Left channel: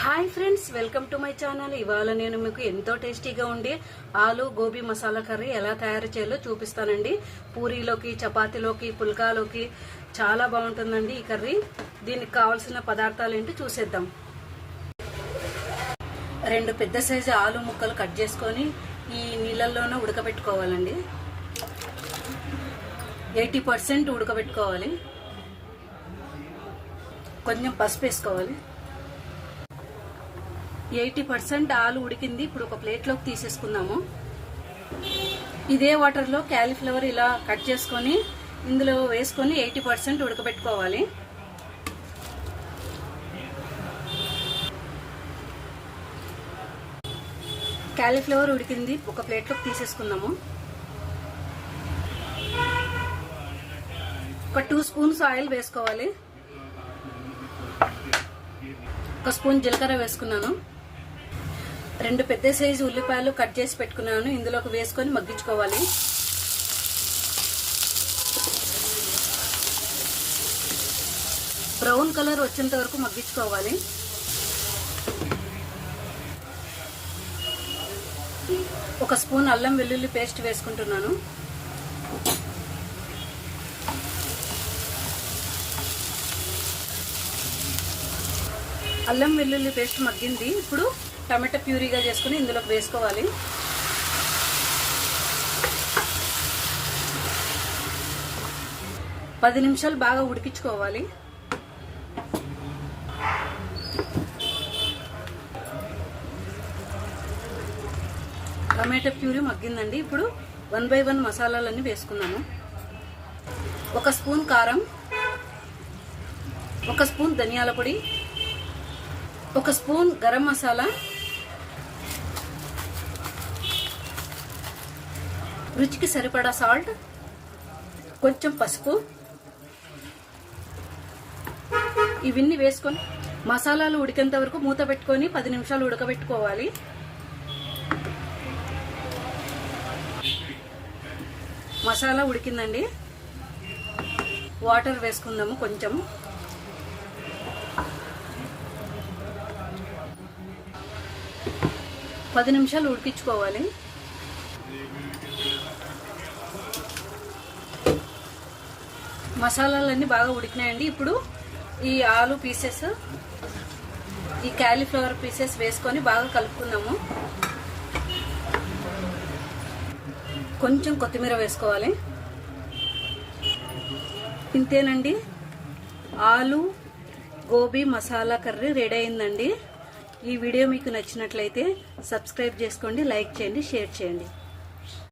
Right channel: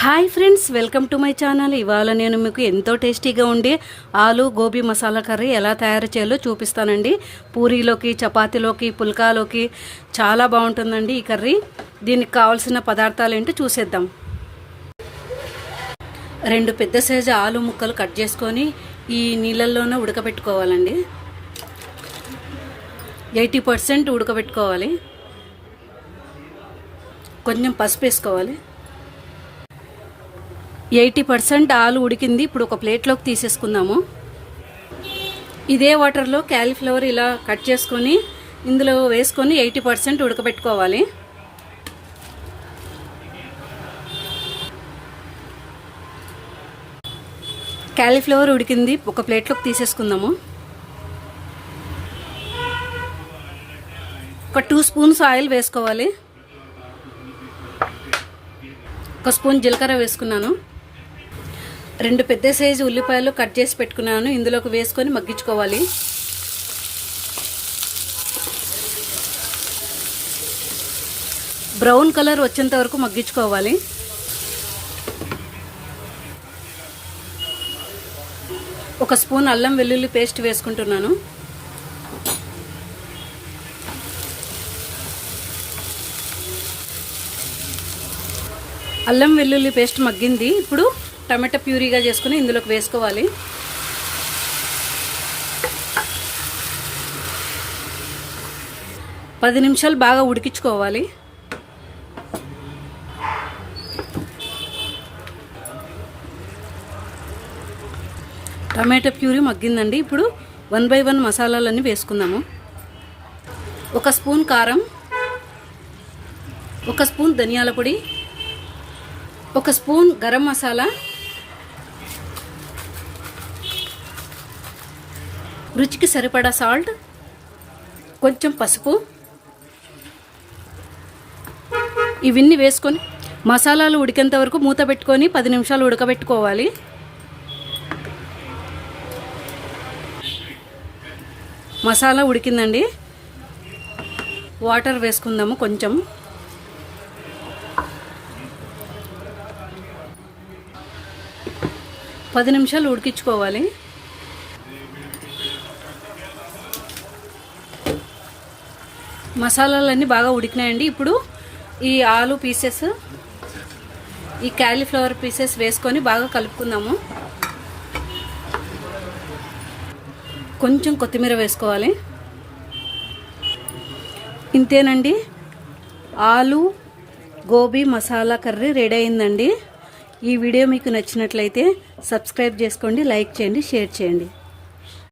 Hi friends, welcome to my channel. ఇవాళ నేను మీకు ఎంతో టేస్టీగా ఉండే ఆలు గోబీ మసాలా కర్రీ ఎలా తయారు చేయాలో చూపిస్తానండి. పూరీలోకి, చపాతీలోకి, పుల్కాలోకి చాలా బాగుంటుందండి ఈ కర్రీ. దీనికి కావాల్సిన పదార్థాలు ఏంటో చూసేద్దాం. 2 పెద్ద సైజు ఆలు ముక్కలు కట్ చేసుకొని ఈ నీళ్ళల్లోనే ఉడకబెట్టుకోవాలండి. 80% ఉడకబెట్టుకోవాలి. కొంచెం పసుపు వేసుకోవాలి. 80% ఆలు ఉడికింది. ఇప్పుడు ఒక ప్లేట్లోకి తీసేసుకుందాము. ఇదే వాటర్లో క్యాలీఫ్లవర్ ఇలా కట్ చేసుకొని ఇందులో వేసుకొని 80% ఉడకబెట్టుకోవాలి. క్యాలీఫ్లవర్ ఉడికింది, ఒక ప్లేట్లోకి తీసేసుకుందాము. ఒక 2 స్పూన్స్ ఆయిల్ వేసుకోవాలి. 1 స్పూన్ జీలకర్ర వేసుకున్నాను. 2 పెద్ద సైజు ఉల్లిపాయలు కట్ చేసి పెట్టుకున్నాను. ఇందులోకి వేసుకొని మగ్గించుకోవాలి. బ్రౌన్ కలర్ వచ్చేంత వరకు మగ్గించుకోవాలి. ఒక స్పూన్ అల్లం వెల్లుల్లి పేస్ట్ వేసుకుంటున్నాను. అల్లం వెల్లుల్లి పేస్ట్ మగ్గింది. ఇప్పుడు టమాటా ప్యూరీగా చేసుకుని ఇందులోకి వేసుకోవాలి. పది నిమిషాలు బాగా ఉడికించుకోవాలి. టమాటా ప్యూరీ మగ్గిందండి. ఇప్పుడు 1 by 1 మసాలాలన్నీ వేసుకుందాము. 1 స్పూన్ కారం, 1 స్పూన్ ధనియాల పొడి, 1 స్పూన్ గరం మసాలా, రుచికి సరిపడా సాల్ట్, కొంచెం పసుపు. ఇవన్నీ వేసుకొని మసాలాలు ఉడికేంత వరకు మూత పెట్టుకొని 10 నిమిషాలు ఉడకబెట్టుకోవాలి. మసాలా ఉడికిందండి. వాటర్ వేసుకుందాము. కొంచెం 10 నిమిషాలు ఉడికించుకోవాలి. మసాలాలన్నీ బాగా ఉడికినాయండి. ఇప్పుడు ఈ ఆలు పీసెస్, ఈ క్యాలీఫ్లవర్ పీసెస్ వేసుకొని బాగా కలుపుకుందాము. కొంచెం కొత్తిమీర వేసుకోవాలి. ఇంతేనండి, ఆలు గోబీ మసాలా కర్రీ రెడీ అయిందండి. ఈ వీడియో మీకు నచ్చినట్లయితే సబ్స్క్రైబ్ చేసుకోండి, లైక్ చేయండి, షేర్ చేయండి.